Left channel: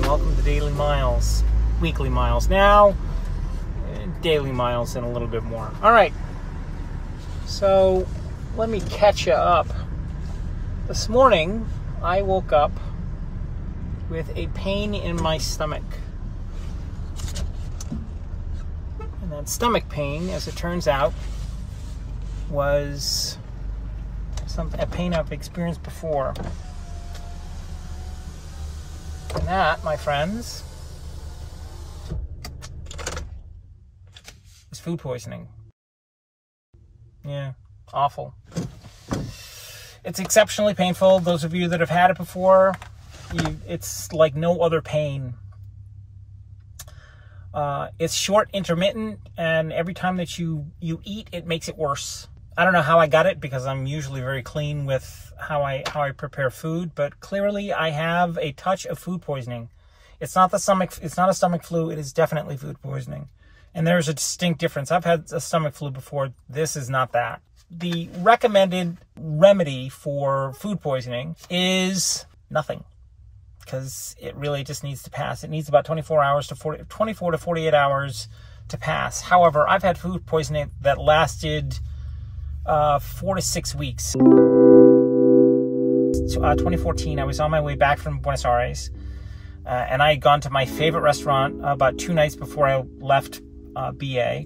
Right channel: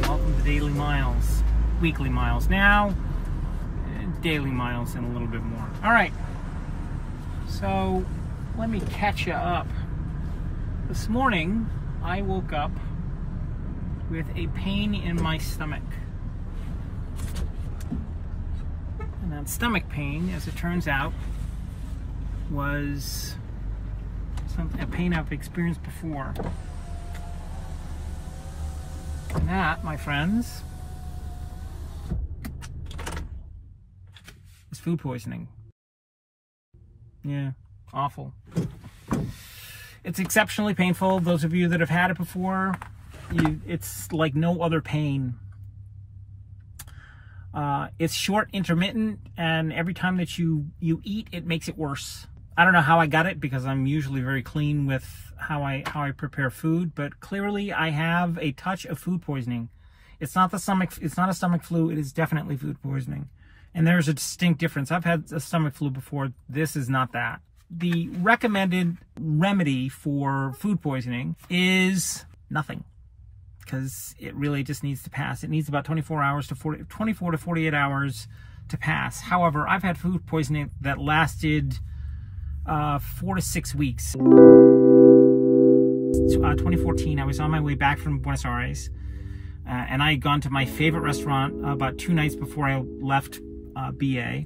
and welcome to Daily Miles. Weekly miles now, daily miles and a little bit more. All right, so let me catch you up. This morning, I woke up with a pain in my stomach. And that stomach pain, as it turns out, was a pain I've experienced before. And that, my friends, is food poisoning. Yeah, awful. It's exceptionally painful. Those of you that have had it before, it's like no other pain. It's short, intermittent, and every time that you eat, it makes it worse. I don't know how I got it because I'm usually very clean with how I prepare food, but clearly I have a touch of food poisoning. It's not a stomach flu, it is definitely food poisoning. And there's a distinct difference. I've had a stomach flu before. This is not that. The recommended remedy for food poisoning is nothing, because it really just needs to pass. It needs about 24 to 48 hours to pass. However, I've had food poisoning that lasted 4 to 6 weeks. 2014, I was on my way back from Buenos Aires, and I had gone to my favorite restaurant about 2 nights before I left BA,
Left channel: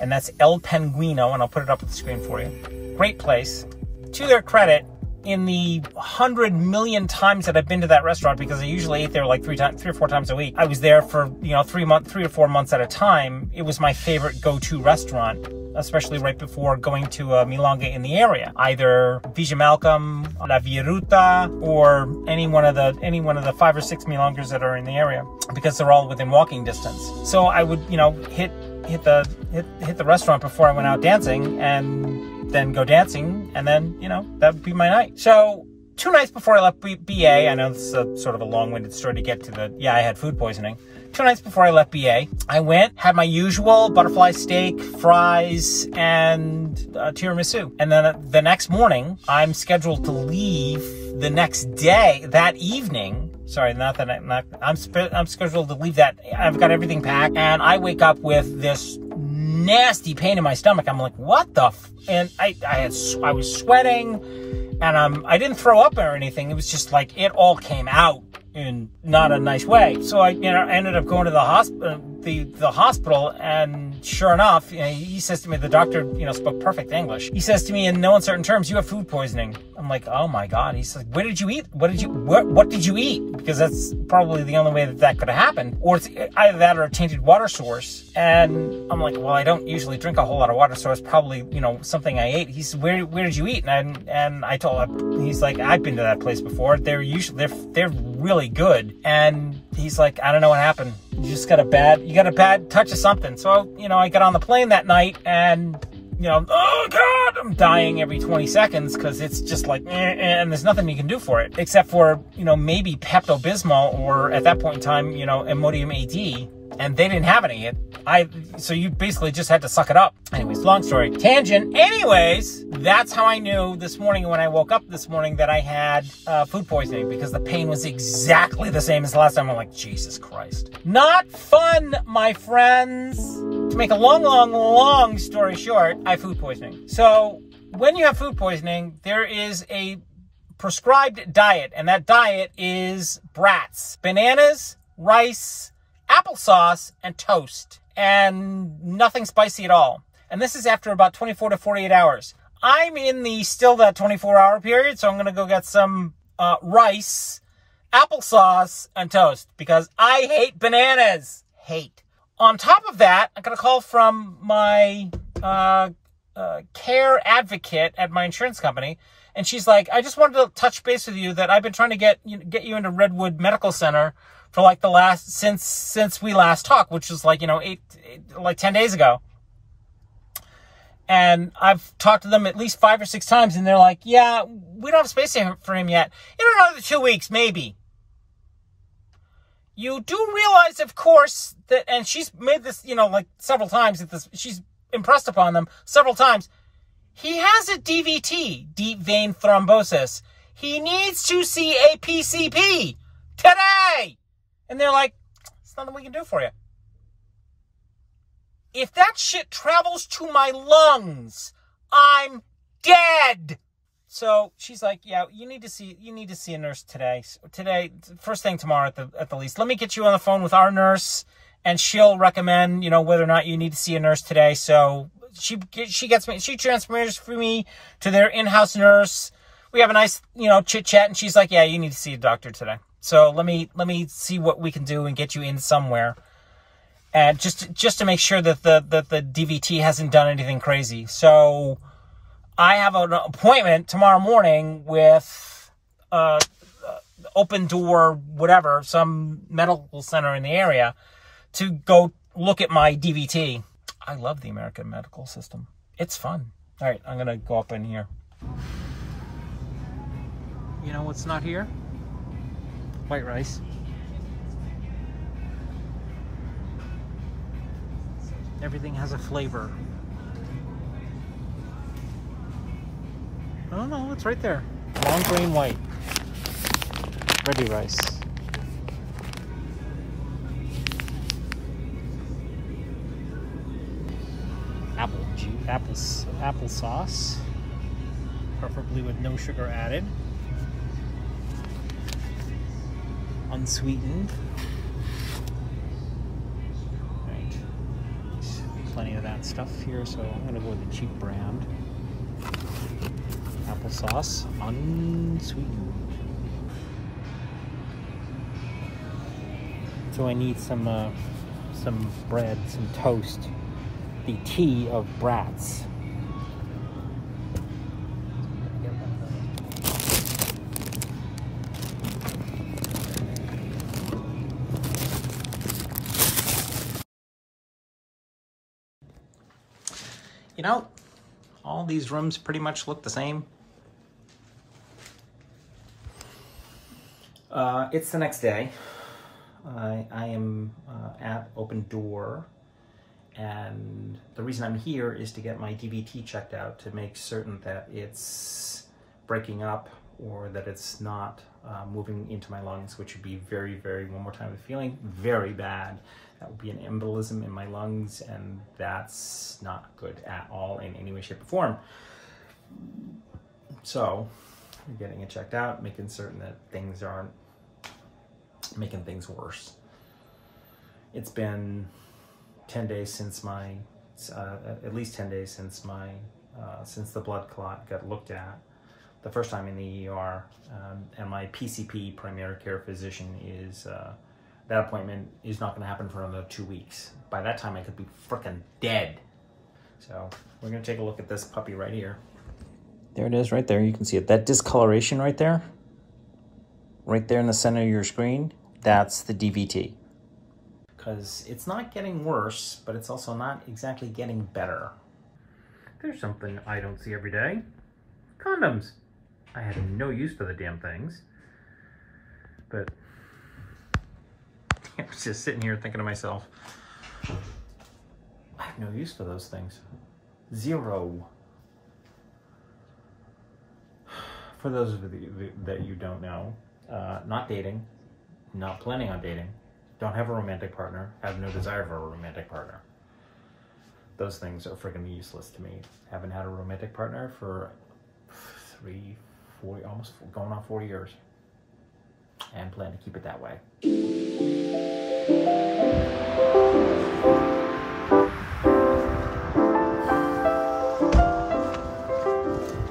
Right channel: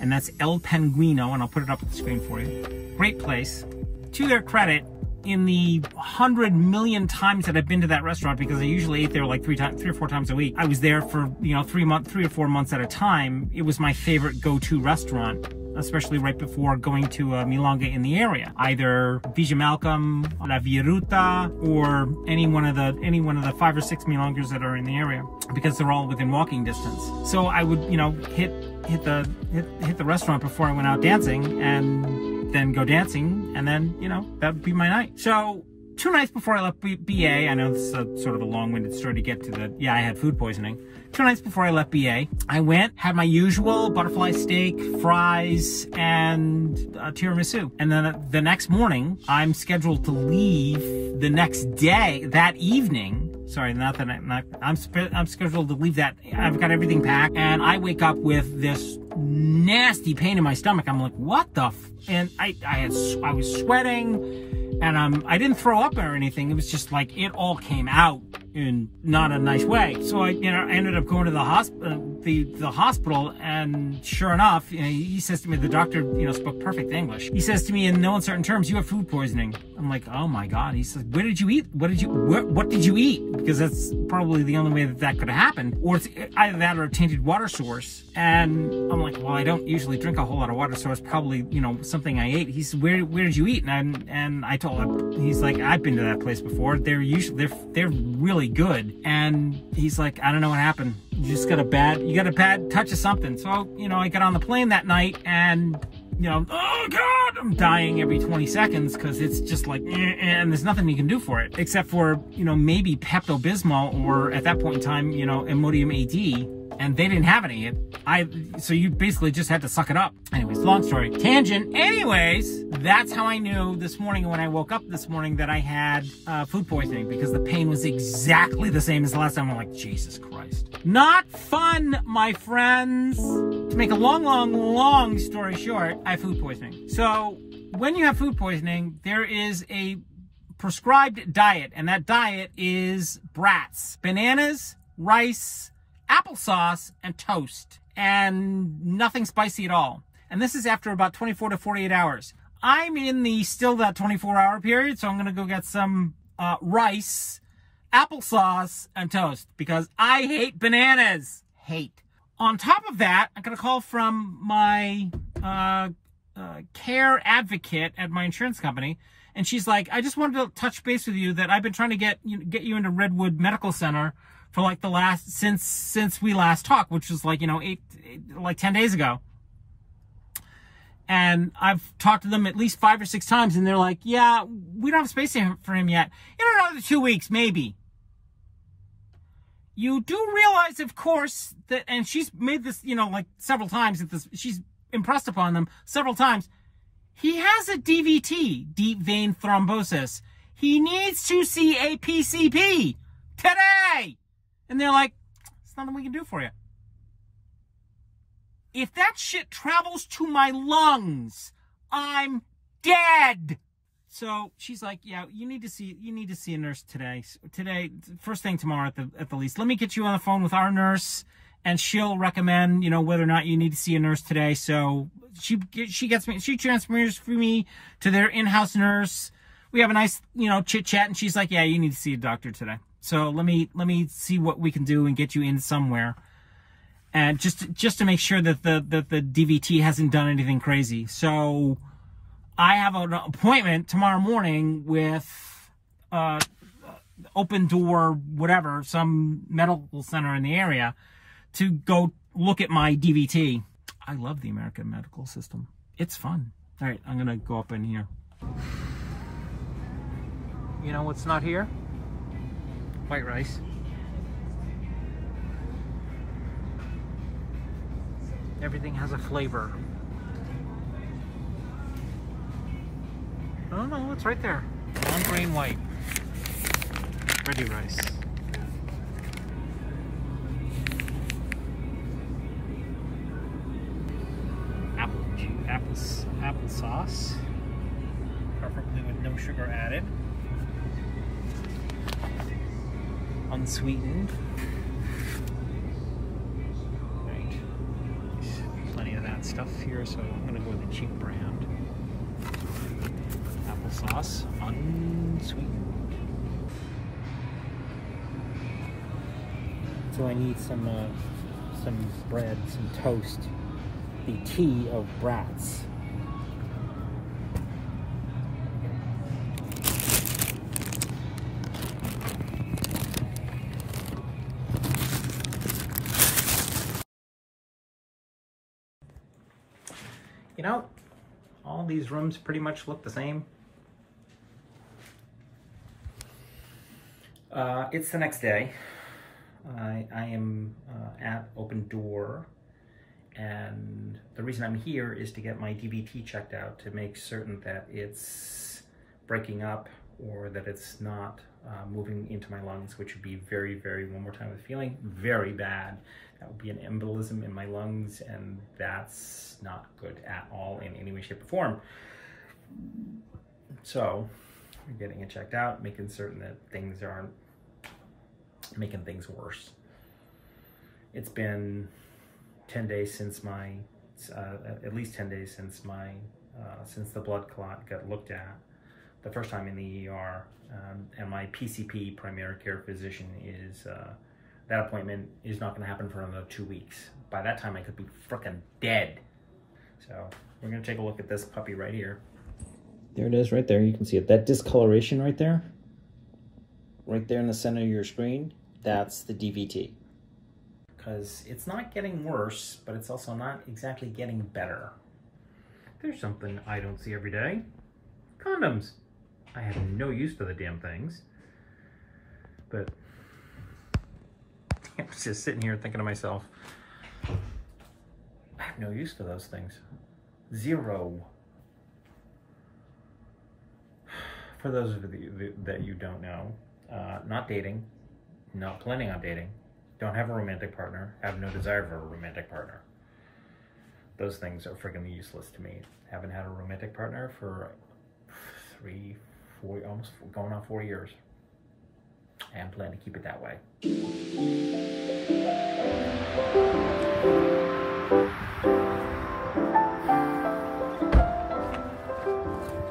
and that's El Pinguino, and I'll put it up on the screen for you. Great place. To their credit, in the 100 million times that I've been to that restaurant, because I usually ate there like 3 or 4 times a week, I was there for 3 or 4 months at a time. It was my favorite go-to restaurant, especially right before going to Milonga in the area, either Villa Malcolm, La Viruta, or any one of the 5 or 6 Milongas that are in the area, because they're all within walking distance. So I would, hit the restaurant before I went out dancing, and then go dancing, and then, that would be my night. So 2 nights before I left BA, I know this is sort of a long-winded story to get to I had food poisoning. 2 nights before I left BA, I went, had my usual butterfly steak, fries, and tiramisu. And then the next morning, I'm scheduled to leave the next day, that evening. Sorry, I'm scheduled to leave that. I've got everything packed, and I wake up with this nasty pain in my stomach. I'm like, what the and I was sweating, and I didn't throw up or anything. It was just like it all came out in not a nice way. So I ended up going to the hospital, and sure enough, he says to me, the doctor, spoke perfect English. He says to me in no uncertain terms, "You have food poisoning." I'm like, oh my God. He says, "Where did you eat? What did you eat?" Because that's probably the only way that could have happened. Or it's either that or a tainted water source. And I'm like, well, I don't usually drink a whole lot of water, so it's probably, something I ate. He said, where did you eat? And I told him, he's like, I've been to that place before. They're really good. And he's like, I don't know what happened. You got a bad touch of something. So, I got on the plane that night, and, oh God, I'm dying every 20 seconds because it's just like, and there's nothing you can do for it except for, maybe Pepto-Bismol, or at that point in time, Imodium AD. And they didn't have any. So you basically just had to suck it up. Anyways, long story. Tangent. Anyways, that's how I knew this morning when I woke up this morning that I had food poisoning, because the pain was exactly the same as the last time. I'm like, Jesus Christ. Not fun, my friends. To make a long story short, I have food poisoning. So when you have food poisoning, there is a prescribed diet, and that diet is brats, bananas, rice, applesauce, and toast, and nothing spicy at all. And this is after about 24 to 48 hours. I'm in still that 24-hour period, so I'm gonna go get some rice, applesauce, and toast, because I hate bananas. Hate. On top of that, I got a call from my care advocate at my insurance company, and she's like, I just wanted to touch base with you that I've been trying to get you into Redwood Medical Center for like since we last talked, which was like, 10 days ago. And I've talked to them at least 5 or 6 times, and they're like, yeah, we don't have space for him yet. In another 2 weeks, maybe. You do realize, of course, that, and she's made this, like several times, she's impressed upon them several times. He has a DVT, deep vein thrombosis. He needs to see a PCP today. And they're like, there's nothing we can do for you. If that shit travels to my lungs, I'm dead. So she's like, yeah, you need to see a nurse today. Today, first thing tomorrow at the least. Let me get you on the phone with our nurse, and she'll recommend, you know, whether or not you need to see a nurse today. So she transfers me to their in-house nurse. We have a nice, you know, chit chat, and she's like, yeah, you need to see a doctor today. So let me see what we can do and get you in somewhere. And just to make sure that the DVT hasn't done anything crazy. So I have an appointment tomorrow morning with Open Door, whatever, some medical center in the area, to go look at my DVT. I love the American medical system. It's fun. All right, I'm going to go up in here. You know what's not here? White rice. Everything has a flavor. Oh no, it's right there. Long grain white. Ready rice. Apple juice, apple sauce, preferably with no sugar added. Unsweetened. Right. There's plenty of that stuff here, so I'm gonna go with the cheap brand. Applesauce, unsweetened. So I need some bread, some toast, the tea of brats. You know, all these rooms pretty much look the same. It's the next day. I am at Open Door, and the reason I'm here is to get my DVT checked out to make certain that it's breaking up or that it's not moving into my lungs, which would be very, very, one more time, feeling very bad. That would be an embolism in my lungs, and that's not good at all in any way, shape, or form. So, I'm getting it checked out, making certain that things aren't making things worse. It's been 10 days since my, at least 10 days since my, since the blood clot got looked at the first time in the ER, and my PCP, primary care physician, is, that appointment is not going to happen for another 2 weeks. By that time, I could be frickin' dead. So we're going to take a look at this puppy right here. There it is right there. You can see it. That discoloration right there in the center of your screen, that's the DVT. Because it's not getting worse, but it's also not exactly getting better. There's something I don't see every day. Condoms. I have no use for the damn things. But I was just sitting here thinking to myself, I have no use for those things. Zero. For those of you that you don't know, not dating, not planning on dating, don't have a romantic partner, have no desire for a romantic partner. Those things are freaking useless to me. Haven't had a romantic partner for 3, 4, almost going on 4 years. And plan to keep it that way.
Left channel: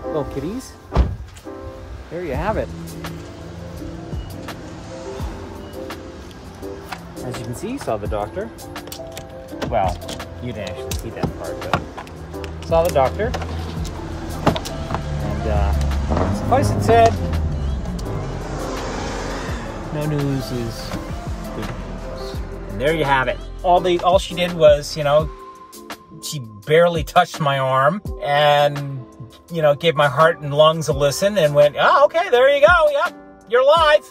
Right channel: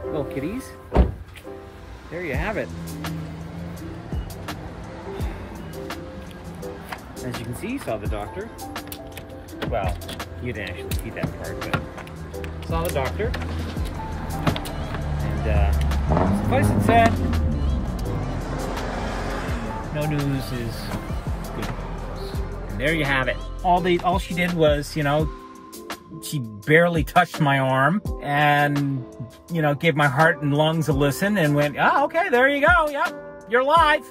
Little kitties. There you have it. As you can see, saw the doctor. Well, you didn't actually see that part, but saw the doctor. And suffice it said, no news is good news. And there you have it. All she did was, you know, she barely touched my arm and, you know, gave my heart and lungs a listen and went, oh, okay, there you go. Yep, you're live.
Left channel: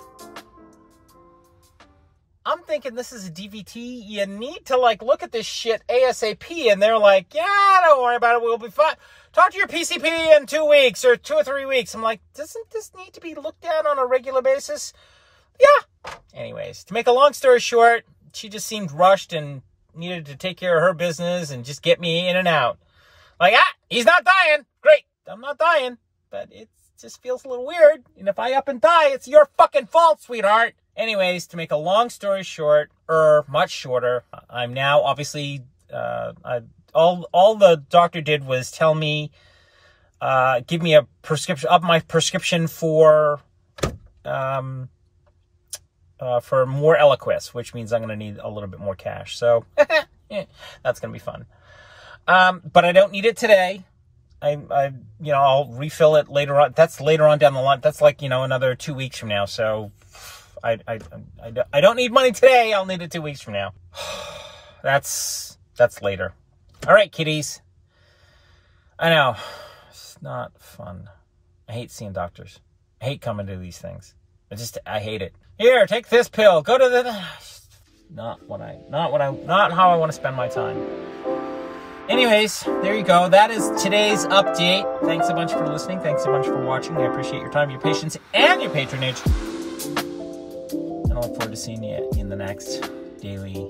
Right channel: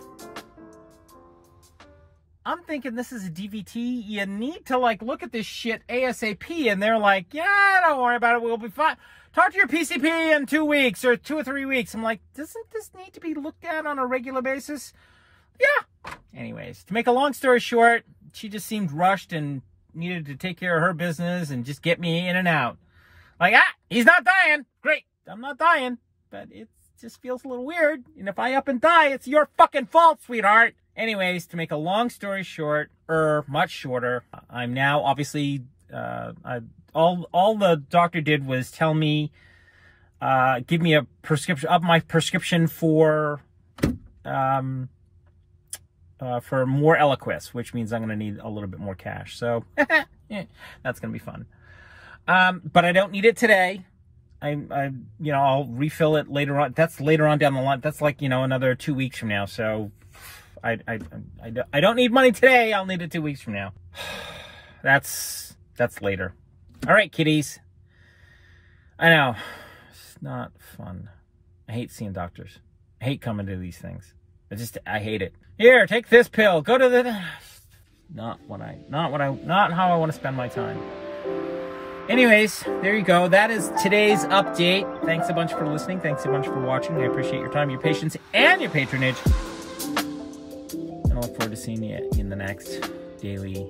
I'm thinking this is a DVT. You need to, like, look at this shit ASAP. And they're like, yeah, don't worry about it. We'll be fine. Talk to your PCP in 2 weeks or 2 or 3 weeks. I'm like, doesn't this need to be looked at on a regular basis? Yeah, Anyways, to make a long story short, she just seemed rushed and needed to take care of her business and just get me in and out. Like, he's not dying. Great. I'm not dying. But it just feels a little weird. And if I up and die, it's your fucking fault, sweetheart. Anyways, to make a long story short, much shorter, I'm now obviously, all the doctor did was tell me, give me a prescription, up my prescription for more Eliquis, which means I'm going to need a little bit more cash. So that's going to be fun. But I don't need it today. I'll refill it later on. That's later on down the line. That's like, another 2 weeks from now. So I don't need money today. I'll need it 2 weeks from now. That's later. All right, kiddies. I know. It's not fun. I hate seeing doctors. I hate coming to these things. I hate it. Here, take this pill. Go to the... Not how I want to spend my time. Anyways, there you go. That is today's update. Thanks a bunch for listening. Thanks a bunch for watching. I appreciate your time, your patience, and your patronage. And I look forward to seeing you in the next daily